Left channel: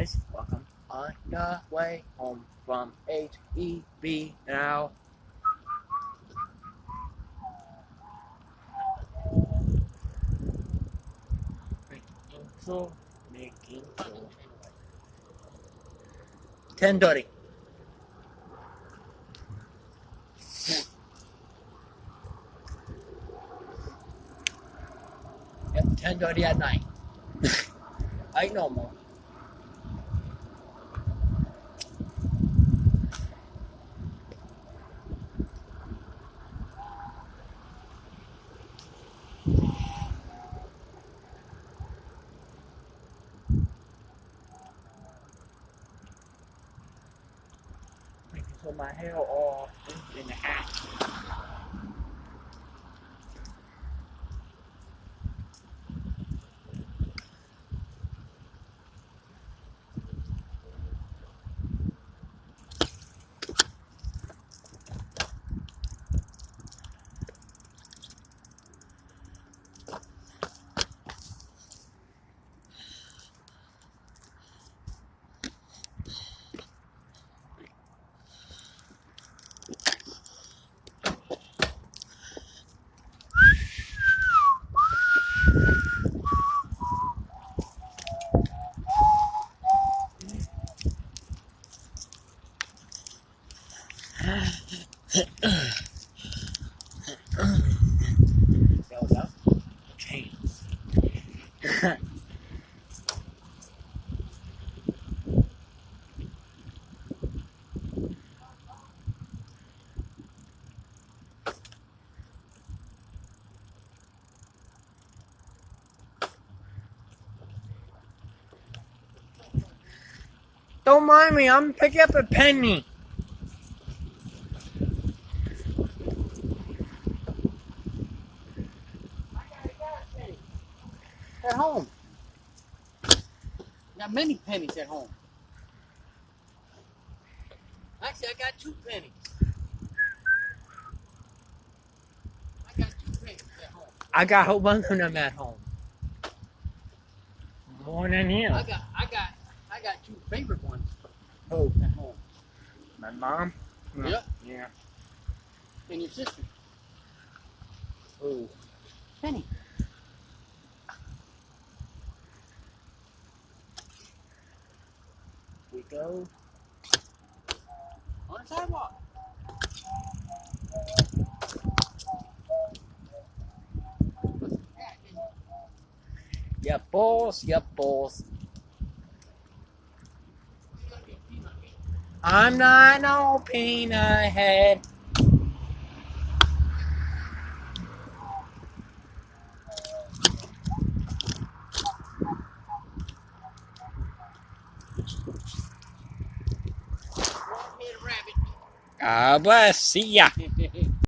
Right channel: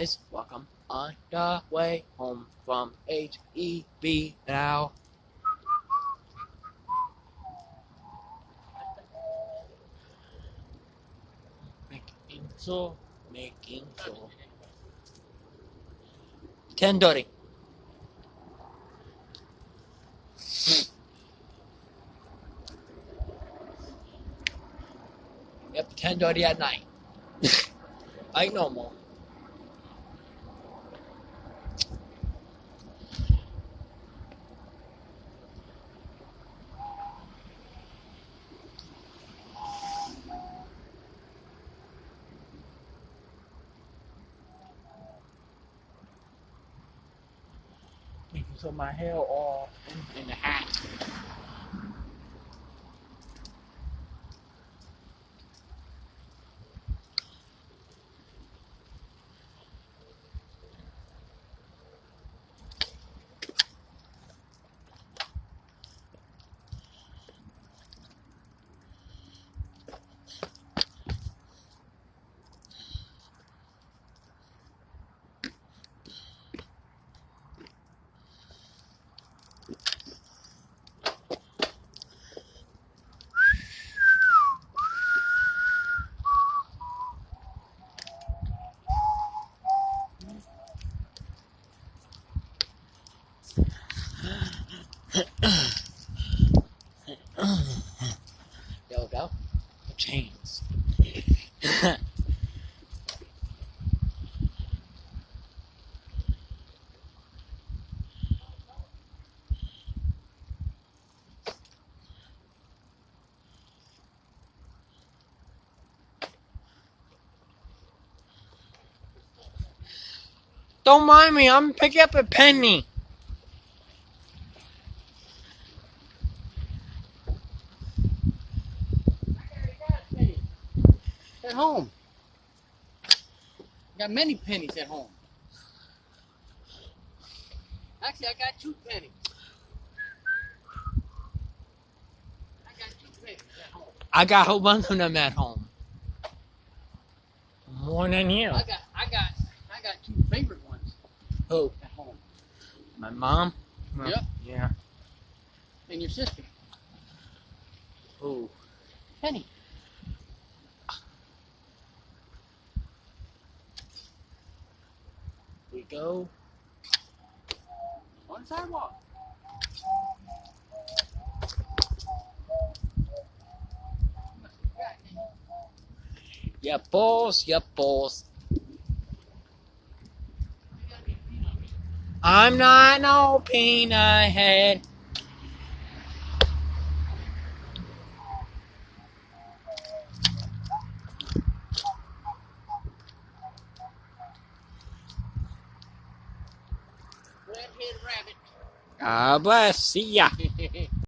guys, welcome on the way home from HEB now. Making so. 10:30. Yep, 10:30 at night. Like normal. Making so my hair all in the hat. There we go. Chains. Don't mind me, I'm picking up a penny. I got a penny at home. Got many pennies at home. Actually, I got 2 pennies. I got 2 pennies at home. I got a whole bunch of them at home. More than you. I got 2 favorite ones Who? at home. My mom? Yep. Yeah. And your sister, Who? Penny. We go. On the sidewalk. Yep, boss. Yep, boss. I'm not no peanut head. Red-headed rabbit. God bless. See ya.